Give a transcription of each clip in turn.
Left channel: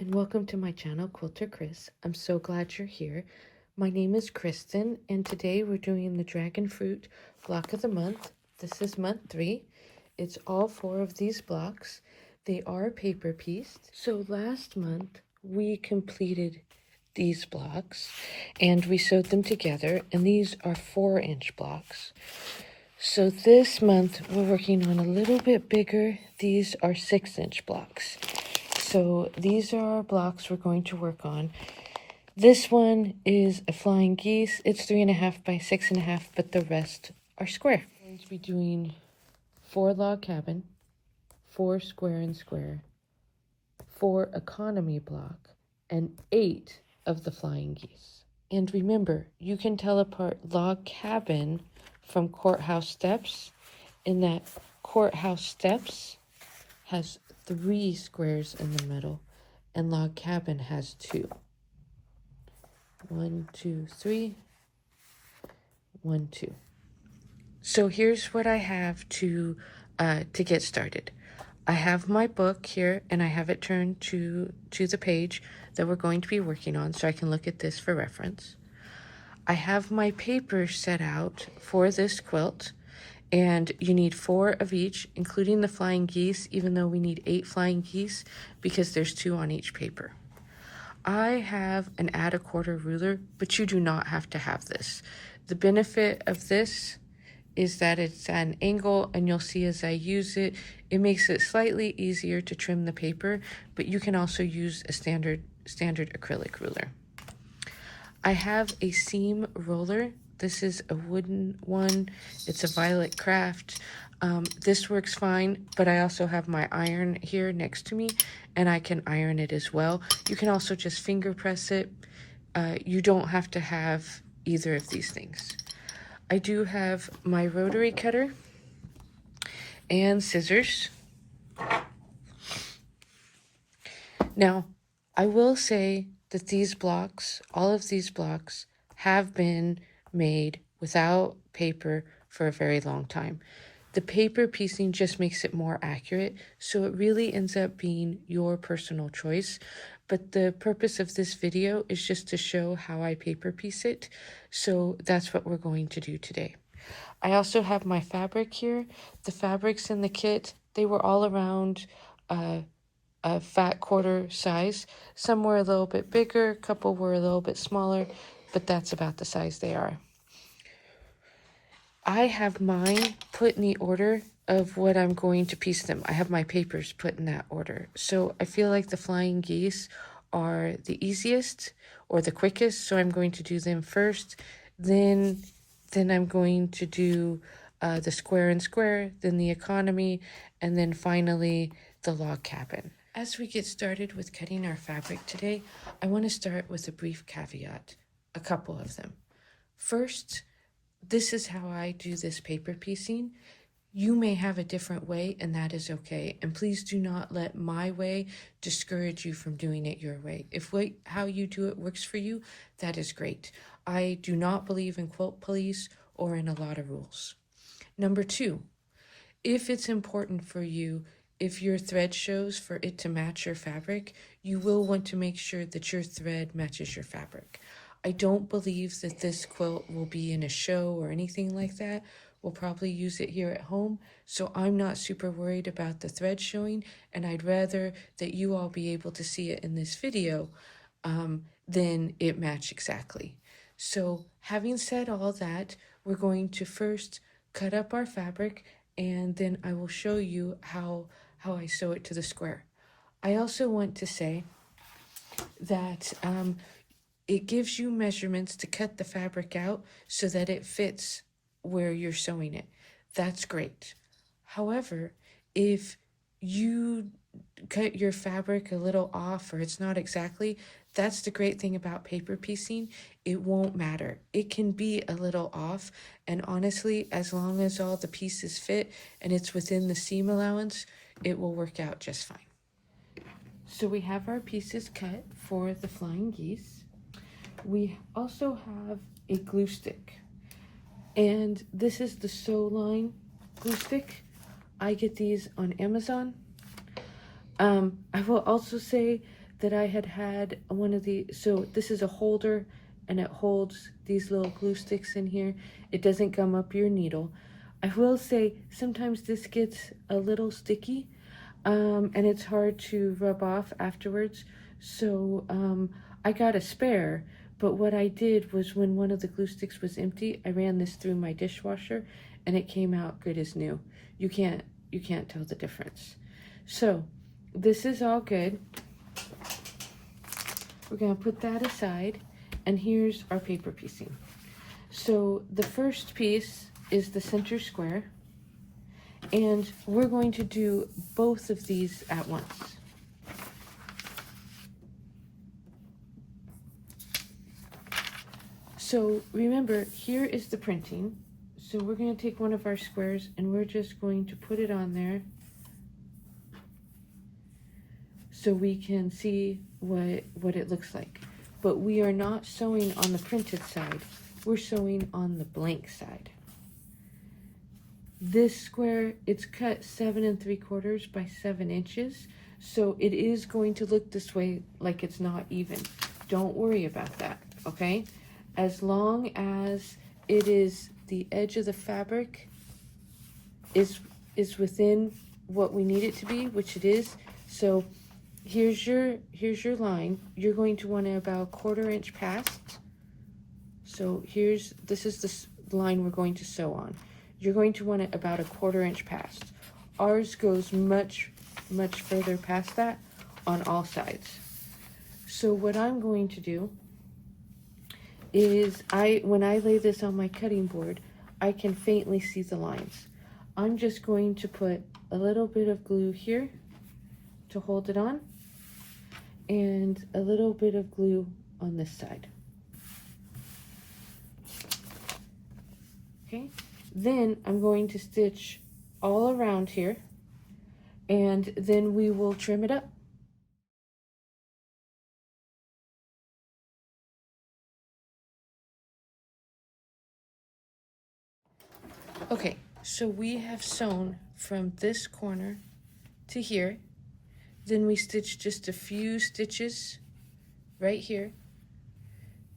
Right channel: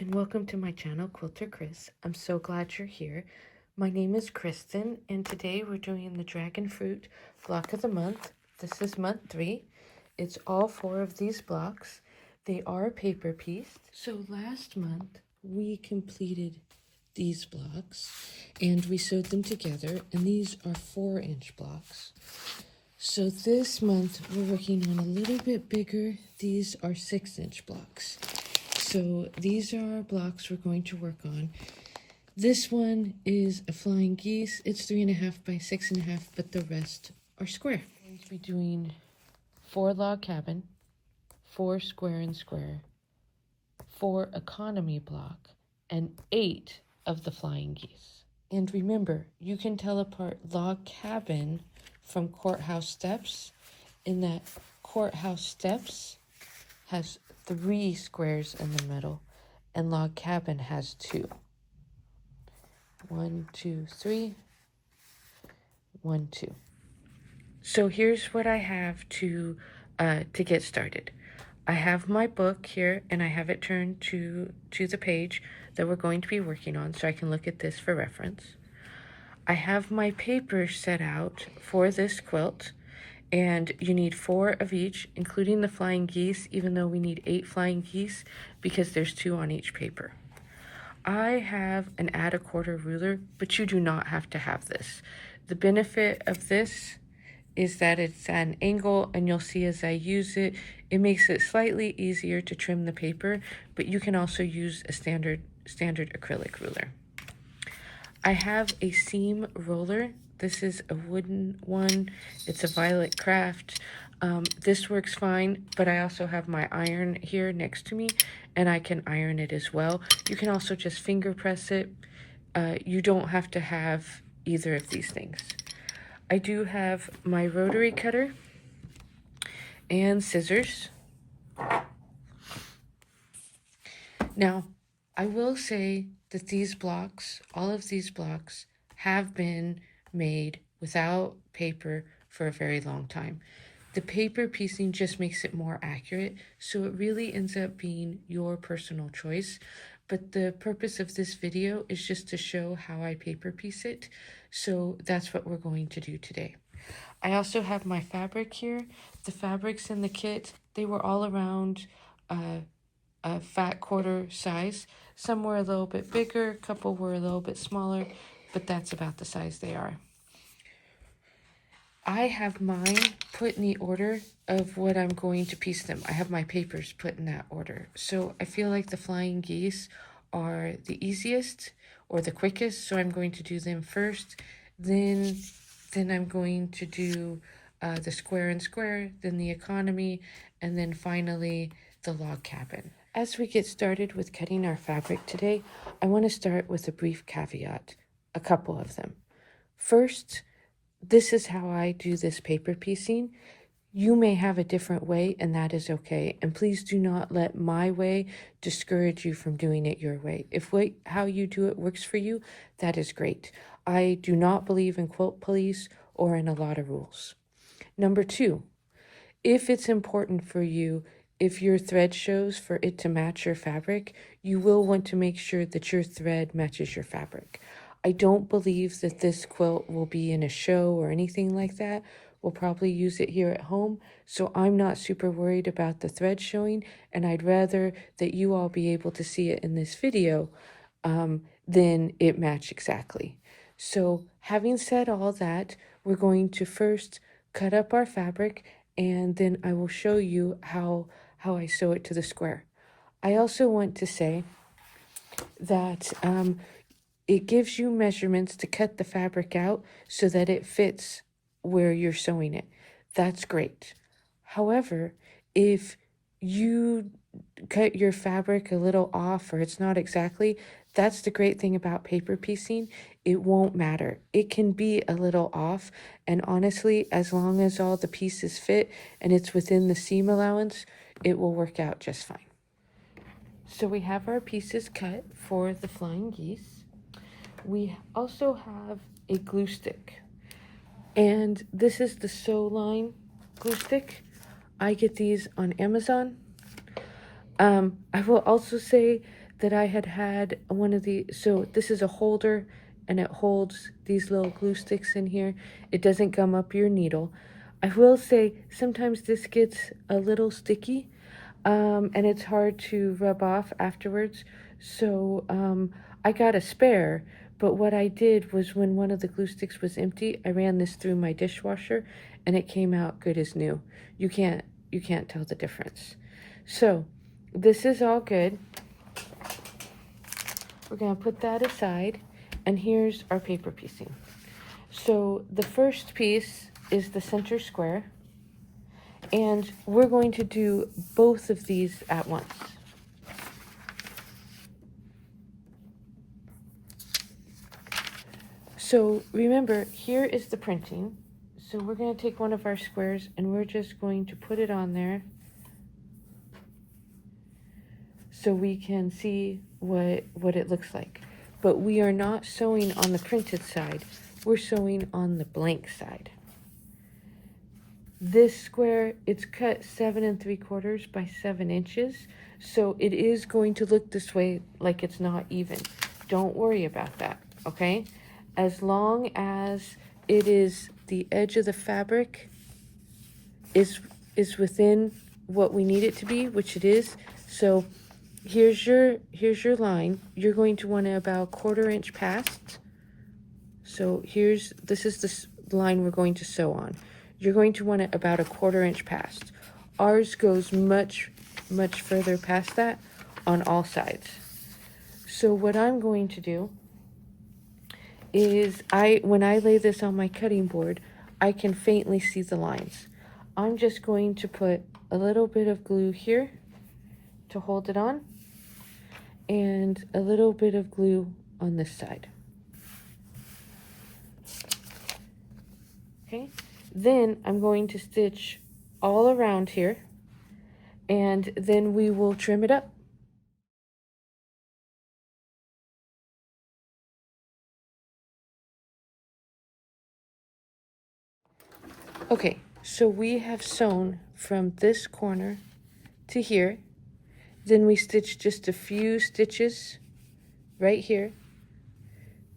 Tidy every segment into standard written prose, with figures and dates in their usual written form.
and welcome to my channel, KwilterKris. I'm so glad you're here. My name is Kristen, and today we're doing the Dragon Fruit block of the month. This is month 3. It's all 4 of these blocks. They are paper pieced. So last month we completed these blocks and we sewed them together, and these are 4-inch blocks. So this month we're working on a little bit bigger. These are 6-inch blocks. So these are our blocks we're going to work on. This one is a flying geese. It's 3.5 by 6.5, but the rest are square. I'm going to be doing 4 log cabin, 4 square and square, 4 economy block, and 8 of the flying geese. And remember, you can tell apart log cabin from courthouse steps in that courthouse steps has 3 squares in the middle, and log cabin has 2. 1, 2, 3. 1, 2. So here's what I have to get started. I have my book here, and I have it turned to the page that we're going to be working on, so I can look at this for reference. I have my paper set out for this quilt. And you need 4 of each, including the flying geese, even though we need 8 flying geese because there's 2 on each paper. I have an add a quarter ruler, but you do not have to have this. The benefit of this is that it's at an angle, and you'll see as I use it, it makes it slightly easier to trim the paper, but you can also use a standard acrylic ruler. I have a seam roller. This is a wooden one. It's a Violet Craft. This works fine, but I also have my iron here next to me, and I can iron it as well. You can also just finger press it. You don't have to have either of these things. I do have my rotary cutter and scissors. Now, I will say that these blocks, all of these blocks, have been made without paper for a very long time. The paper piecing just makes it more accurate, so it really ends up being your personal choice. But the purpose of this video is just to show how I paper piece it, so that's what we're going to do today. I also have my fabric here. The fabrics in the kit, they were all around a fat quarter size. Some were a little bit bigger, a couple were a little bit smaller, but that's about the size they are. I have mine put in the order of what I'm going to piece them. I have my papers put in that order. So I feel like the flying geese are the easiest or the quickest, so I'm going to do them first. Then I'm going to do the square and square, then the economy, and then finally the log cabin. As we get started with cutting our fabric today, I want to start with a brief caveat, a couple of them. First, this is how I do this paper piecing. You may have a different way, and that is okay. And please do not let my way discourage you from doing it your way. If how you do it works for you, that is great. I do not believe in quilt police or in a lot of rules. Number 2, if it's important for you, if your thread shows for it to match your fabric, you will want to make sure that your thread matches your fabric. I don't believe that this quilt will be in a show or anything like that. We'll probably use it here at home, so I'm not super worried about the thread showing, and I'd rather that you all be able to see it in this video than it match exactly. So having said all that, we're going to first cut up our fabric, and then I will show you how I sew it to the square. I also want to say that it gives you measurements to cut the fabric out so that it fits where you're sewing it. That's great. However, if you cut your fabric a little off or it's not exactly, that's the great thing about paper piecing. It won't matter. It can be a little off, and honestly, as long as all the pieces fit and it's within the seam allowance, it will work out just fine. So we have our pieces cut for the flying geese. We also have a glue stick, and this is the Sew Line glue stick. I get these on Amazon. I will also say that I had one of the, so this is a holder and it holds these little glue sticks in here. It doesn't gum up your needle. I will say sometimes this gets a little sticky, and it's hard to rub off afterwards. So I got a spare, but what I did was when one of the glue sticks was empty, I ran this through my dishwasher and it came out good as new. You can't tell the difference. So this is all good. We're going to put that aside, and here's our paper piecing. So the first piece is the center square, and we're going to do both of these at once. So remember, here is the printing. So we're going to take one of our squares and we're just going to put it on there so we can see what it looks like. But we are not sewing on the printed side. We're sewing on the blank side. This square, it's cut 7 3/4 by 7 inches. So it is going to look this way, like it's not even. Don't worry about that, okay? As long as it is the edge of the fabric is within what we need it to be, which it is. So here's your line. You're going to want to about 1/4 inch past. So this is the line we're going to sew on. You're going to want it about 1/4 inch past. Ours goes much further past that on all sides. So what I'm going to do is when I lay this on my cutting board, I can faintly see the lines. I'm just going to put a little bit of glue here to hold it on, and a little bit of glue on this side. Okay, then I'm going to stitch all around here, and then we will trim it up. Okay, so we have sewn from this corner to here. Then we stitch just a few stitches right here.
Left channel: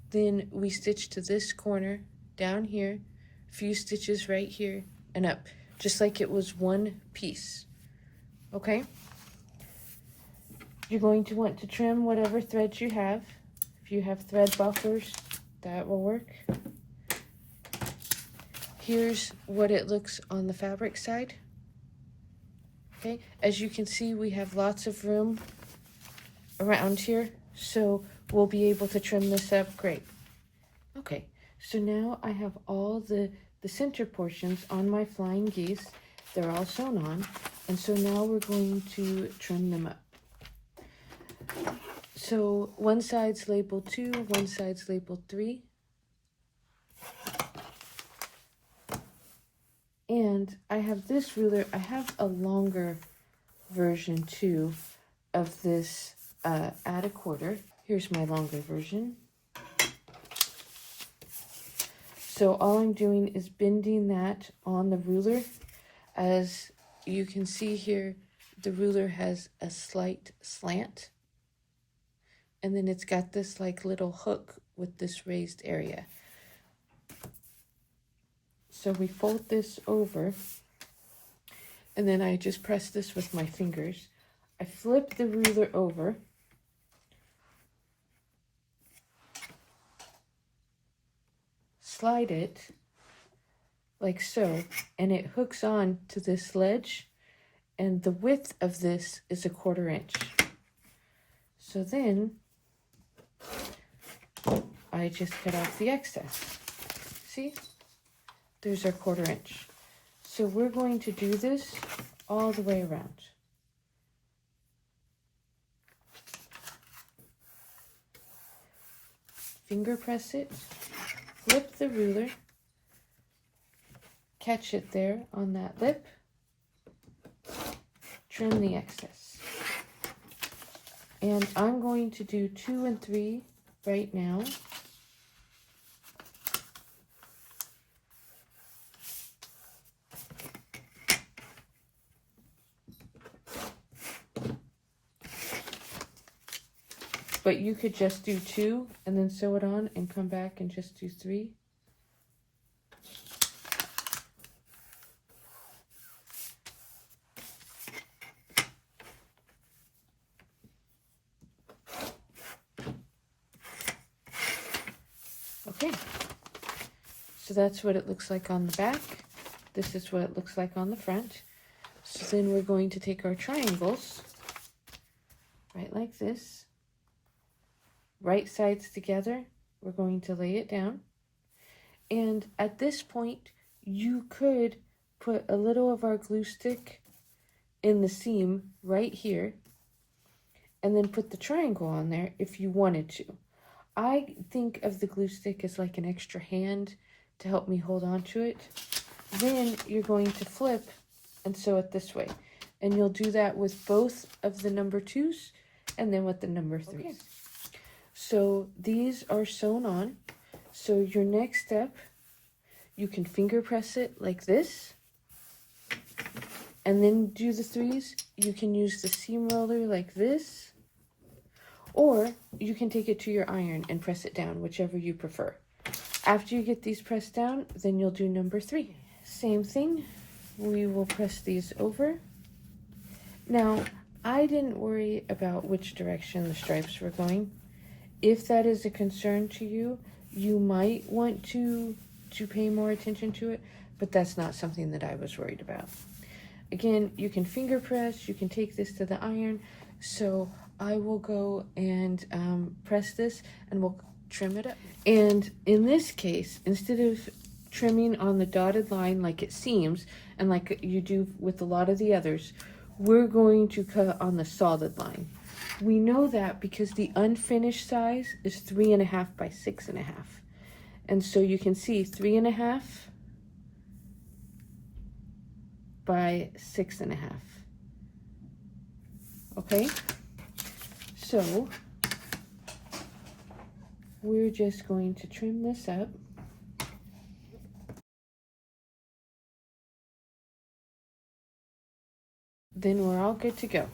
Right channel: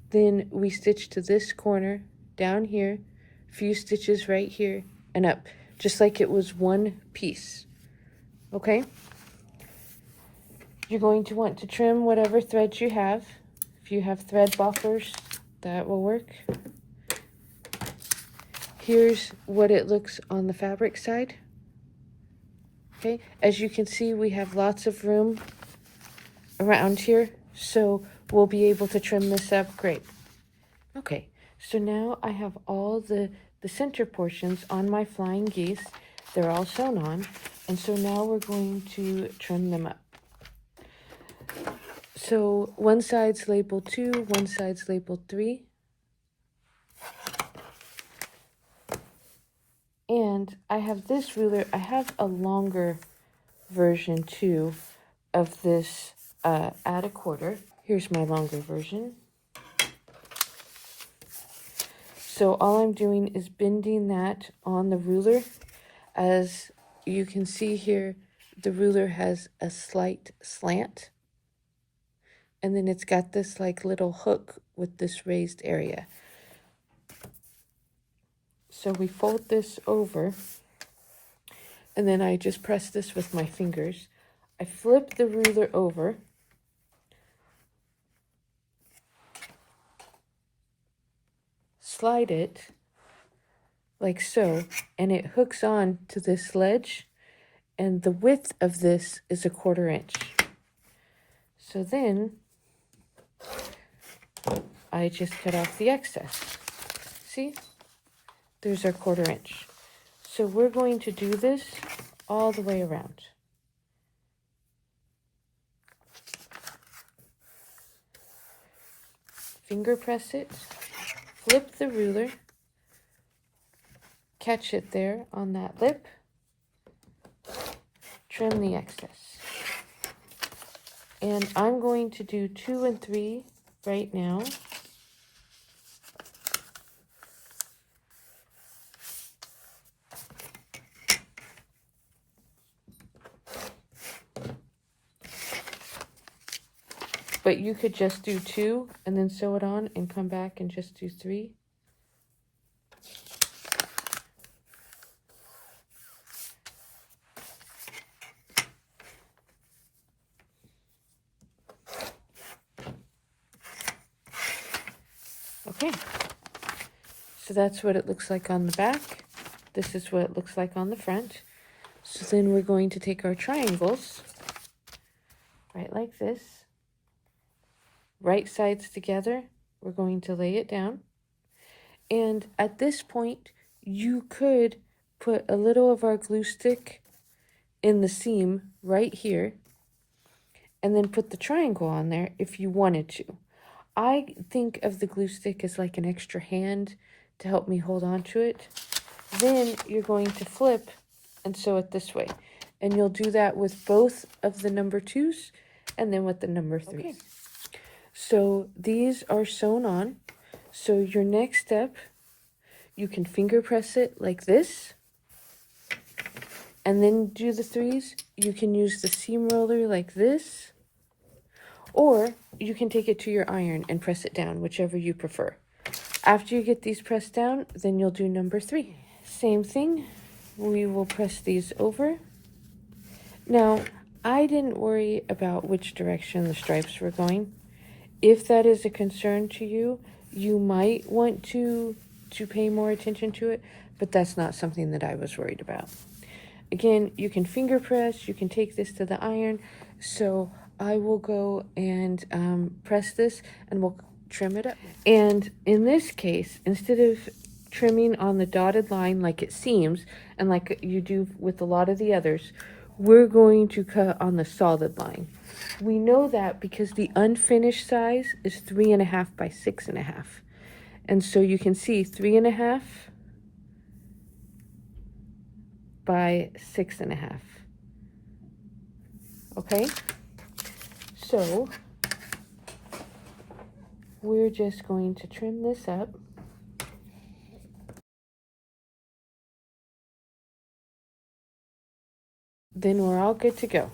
Then we stitch to this corner down here, a few stitches right here and up, just like it was one piece. Okay? You're going to want to trim whatever threads you have. If you have thread buffers, that will work. Here's what it looks on the fabric side. Okay, as you can see, we have lots of room around here, so we'll be able to trim this up great. Okay, so now I have all the center portions on my flying geese. They're all sewn on, and so now we're going to trim them up. So one side's labeled 2, one side's labeled 3. And I have this ruler. I have a longer version too of this at 1/4. Here's my longer version. So all I'm doing is bending that on the ruler. As you can see here, the ruler has a slight slant. And then it's got this like little hook with this raised area. So we fold this over, and then I just press this with my fingers. I flip the ruler over, slide it like so, and it hooks on to this ledge, and the width of this is 1/4 inch. So then I just cut off the excess. See? There's our 1/4 inch. So we're going to do this all the way around. Finger press it, flip the ruler, catch it there on that lip, trim the excess. And I'm going to do 2 and 3 right now. but you could just do 2 and then sew it on and come back and just do 3. Okay, so that's what it looks like on the back. This is what it looks like on the front. So then we're going to take our triangles, right like this, right sides together. We're going to lay it down. And at this point, you could put a little of our glue stick in the seam right here, and then put the triangle on there if you wanted to. I think of the glue stick as like an extra hand to help me hold on to it. Then you're going to flip and sew it this way. And you'll do that with both of the number 2s and then with the number 3s. Okay. So these are sewn on. So your next step, you can finger press it like this. And then do the 3s. You can use the seam roller like this. Or you can take it to your iron and press it down, whichever you prefer. After you get these pressed down, then you'll do number 3. Same thing, we will press these over. Now, I didn't worry about which direction the stripes were going. If that is a concern to you, you might want to pay more attention to it, but that's not something that I was worried about. Again, you can finger press, you can take this to the iron, so I will go and press this and we'll trim it up. And in this case, instead of trimming on the dotted line like it seems, and like you do with a lot of the others, we're going to cut on the solid line. We know that because the unfinished size is 3.5 by 6.5. And so you can see 3.5 by 6.5. Okay? So we're just going to trim this up. Then we're all good to go.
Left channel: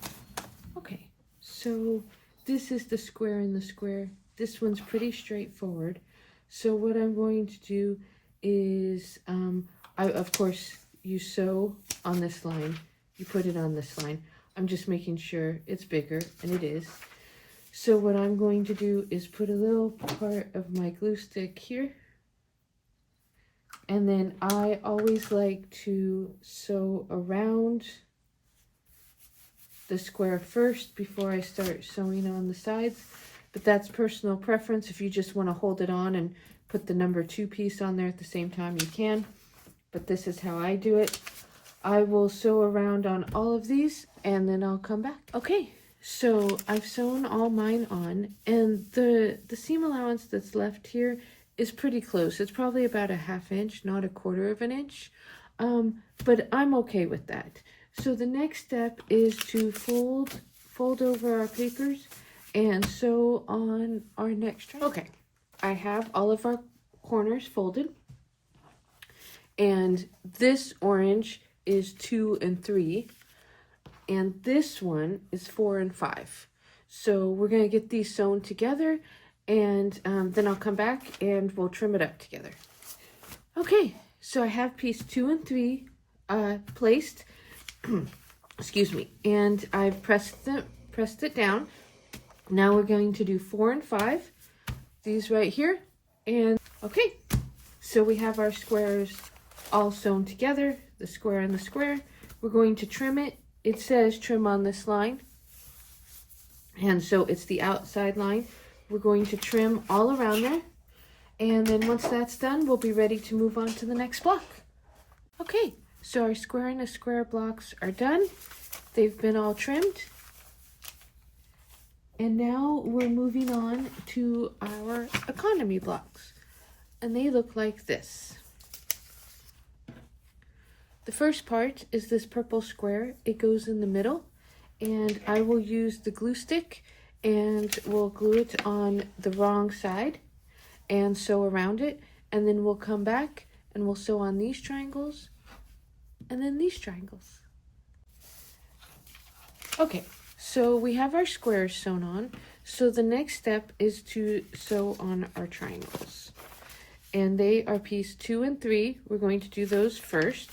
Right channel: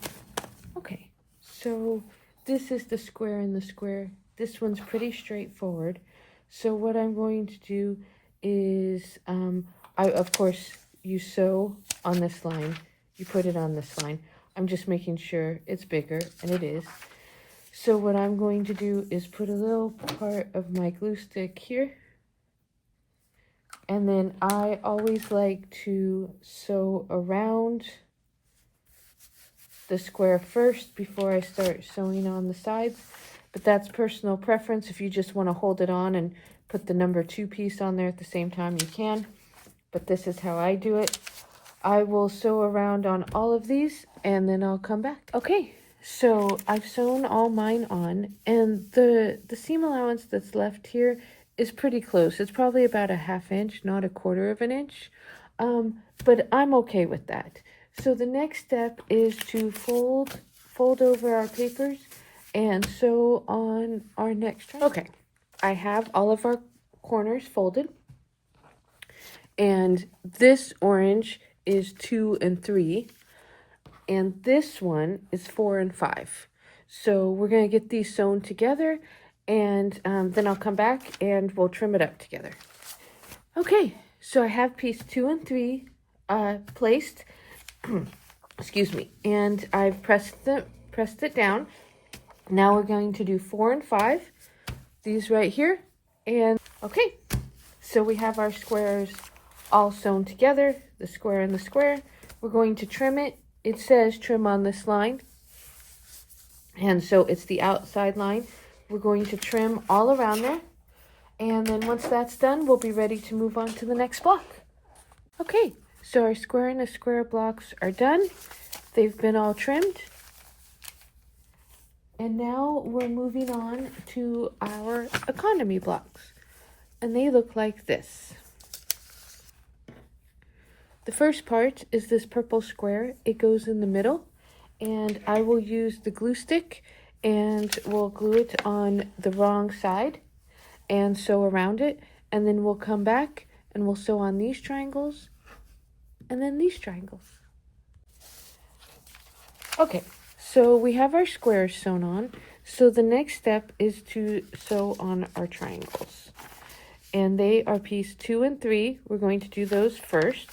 Okay, so this is the square in the square. This one's pretty straightforward. So what I'm going to do is, of course, you sew on this line. You put it on this line. I'm just making sure it's bigger, and it is. So what I'm going to do is put a little part of my glue stick here. And then I always like to sew around the square first before I start sewing on the sides, but that's personal preference. If you just want to hold it on and put the number 2 piece on there at the same time, you can, but this is how I do it. I will sew around on all of these and then I'll come back. Okay, so I've sewn all mine on, and the seam allowance that's left here is pretty close. It's probably about a 1/2 inch, not a 1/4 inch, but I'm okay with that. So the next step is to fold over our papers and sew on our next triangle. Okay, I have all of our corners folded, and this orange is 2 and 3, and this one is 4 and 5. So we're gonna get these sewn together, and then I'll come back and we'll trim it up together. Okay, so I have piece 2 and 3 placed. Excuse me, and I've pressed it down. Now we're going to do 4 and 5, these right here, and okay, so we have our squares all sewn together, the square and the square. We're going to trim it. It says trim on this line, and so it's the outside line. We're going to trim all around there, and then once that's done, we'll be ready to move on to the next block. Okay, so our square and the square blocks are done. They've been all trimmed. And now we're moving on to our economy blocks. And they look like this. The first part is this purple square. It goes in the middle. And I will use the glue stick and we'll glue it on the wrong side and sew around it. And then we'll come back and we'll sew on these triangles and then these triangles. Okay, so we have our squares sewn on. So the next step is to sew on our triangles. And they are piece 2 and 3. We're going to do those first.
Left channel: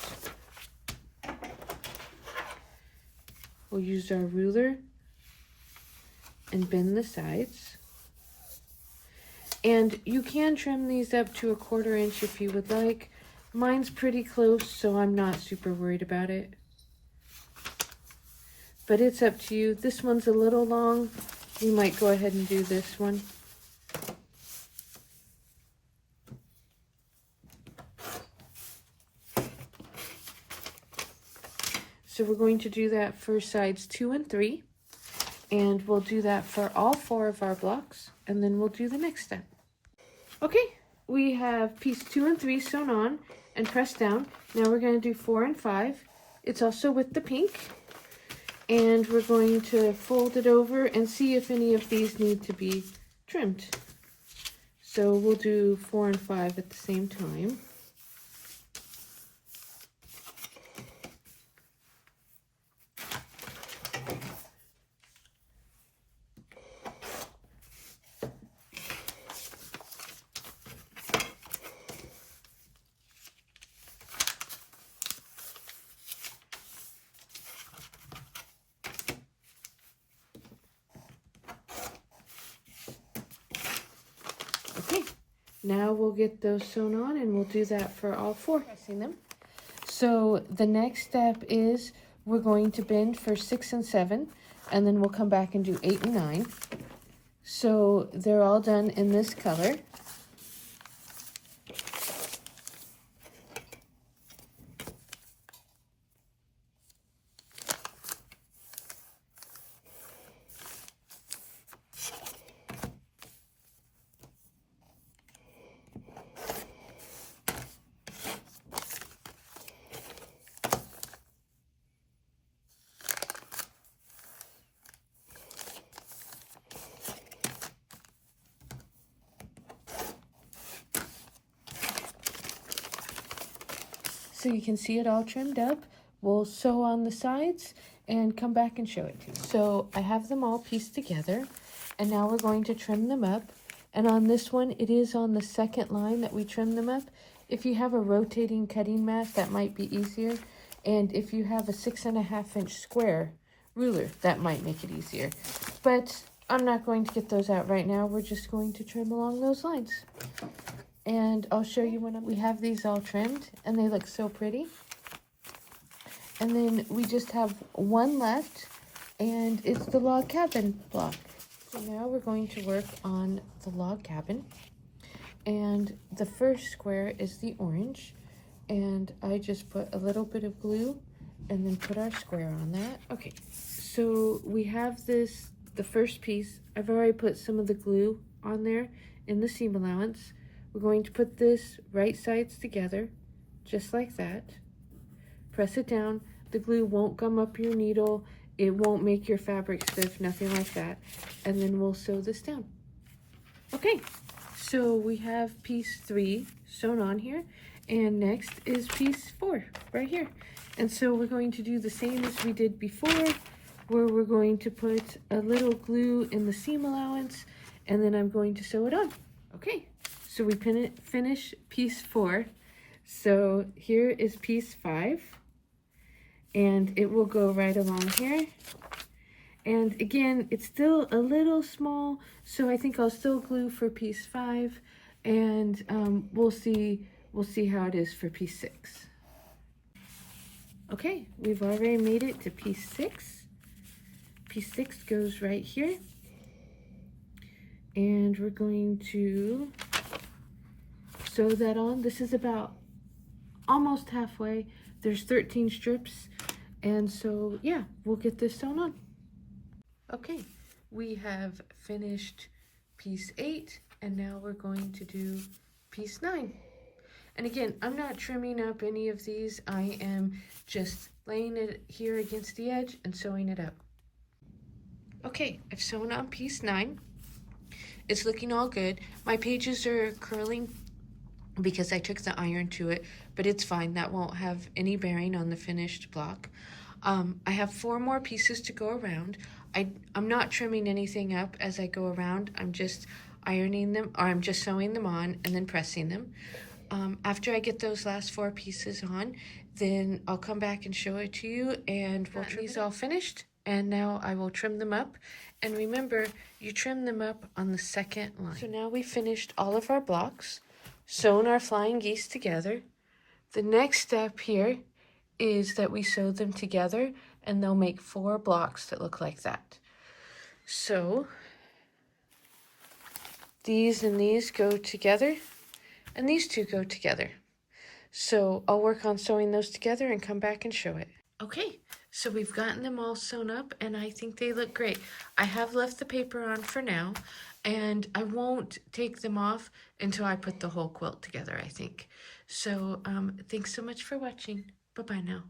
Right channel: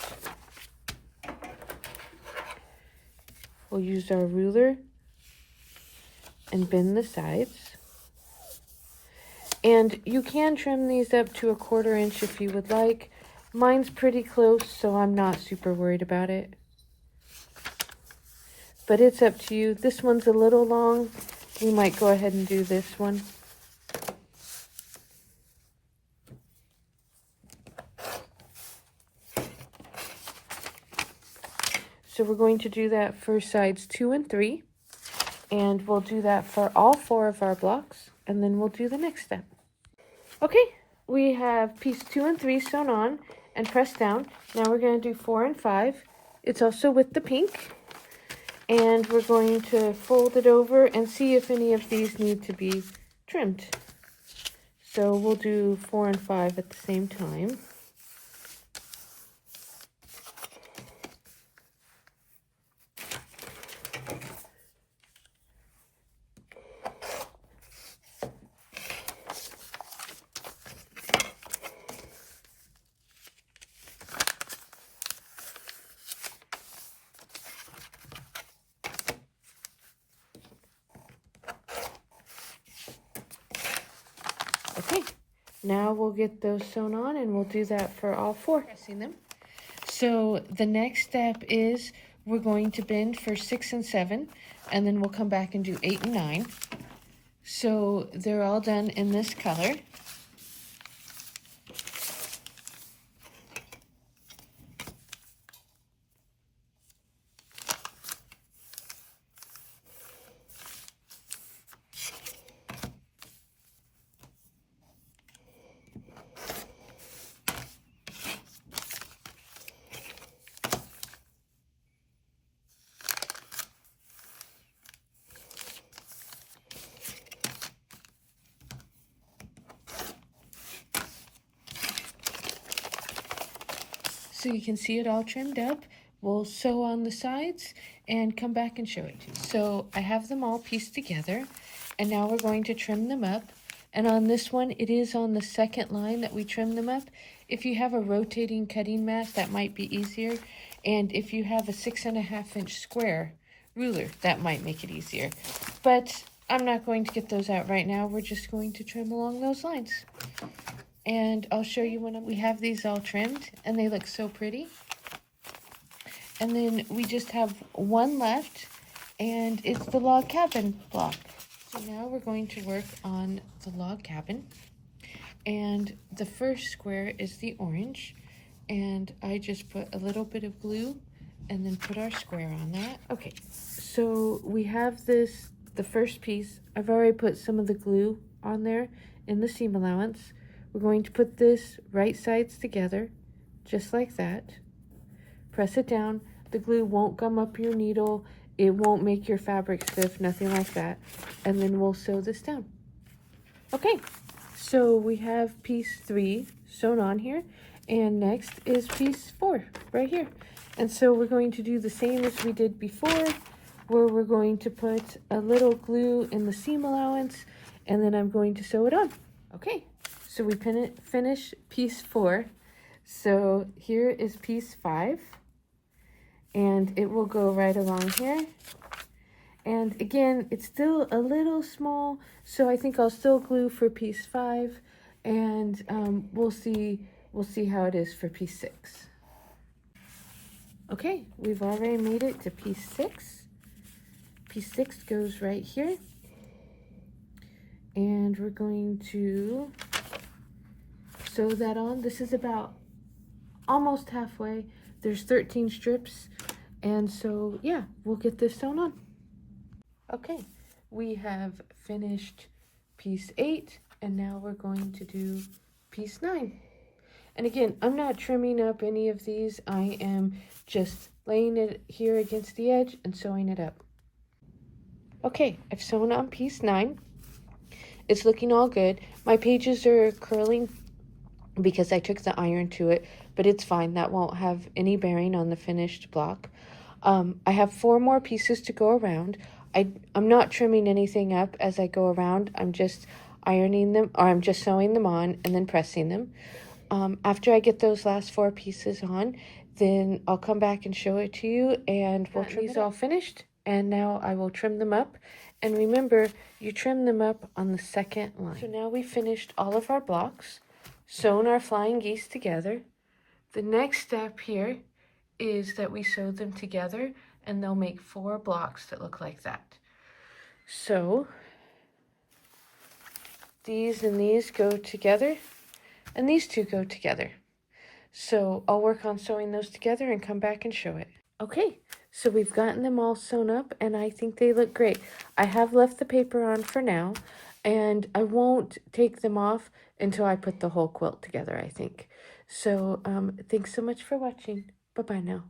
We'll use our ruler and bend the sides. And you can trim these up to 1/4 inch if you would like. Mine's pretty close, so I'm not super worried about it. But it's up to you. This one's a little long. You might go ahead and do this one. So we're going to do that for sides 2 and 3. And we'll do that for all 4 of our blocks. And then we'll do the next step. Okay, we have piece 2 and 3 sewn on and pressed down. Now we're going to do 4 and 5. It's also with the pink. And we're going to fold it over and see if any of these need to be trimmed. So we'll do 4 and 5 at the same time. Okay, now we'll get those sewn on and we'll do that for all 4. Pressing them. So the next step is we're going to bend for 6 and 7, and then we'll come back and do 8 and 9. So they're all done in this color. So you can see it all trimmed up. We'll sew on the sides and come back and show it to you. So I have them all pieced together, and now we're going to trim them up. And on this one, it is on the second line that we trim them up. If you have a rotating cutting mat, that might be easier. And if you have a 6.5 inch square ruler, that might make it easier. But I'm not going to get those out right now. We're just going to trim along those lines. And I'll show you when we have these all trimmed, and they look so pretty. And then we just have one left, and it's the log cabin block. So now we're going to work on the log cabin. And the first square is the orange, and I just put a little bit of glue and then put our square on that. Okay, so we have this, the first piece. I've already put some of the glue on there in the seam allowance. We're going to put this right sides together, just like that. Press it down. The glue won't gum up your needle. It won't make your fabric stiff, nothing like that. And then we'll sew this down. Okay, so we have piece 3 sewn on here. And next is piece 4, right here. And so we're going to do the same as we did before, where we're going to put a little glue in the seam allowance, and then I'm going to sew it on. Okay. So we finish piece 4. So here is piece 5. And it will go right along here. And again, it's still a little small, so I think I'll still glue for piece 5. And we'll see how it is for piece 6. Okay, we've already made it to piece 6. Piece 6 goes right here. And we're going to sew that on. This is about almost halfway. There's 13 strips, and so yeah, we'll get this sewn on. Okay, we have finished piece 8, and now we're going to do piece 9. And again, I'm not trimming up any of these. I am just laying it here against the edge and sewing it up. Okay, I've sewn on piece 9. It's looking all good. My pages are curling because I took the iron to it, but it's fine. That won't have any bearing on the finished block. I have 4 more pieces to go around. I'm not trimming anything up as I go around. I'm just ironing them, or I'm just sewing them on and then pressing them. After I get those last 4 pieces on, then I'll come back and show it to you, and we'll trim these all finished. And now I will trim them up. And remember, you trim them up on the second line. So now we finished all of our blocks, sewn our flying geese together. The next step here is that we sew them together, and they'll make 4 blocks that look like that. So these and these go together, and these 2 go together. So I'll work on sewing those together and come back and show it. Okay, so we've gotten them all sewn up, and I think they look great. I have left the paper on for now, and I won't take them off until I put the whole quilt together, I think. So thanks so much for watching. Bye-bye now.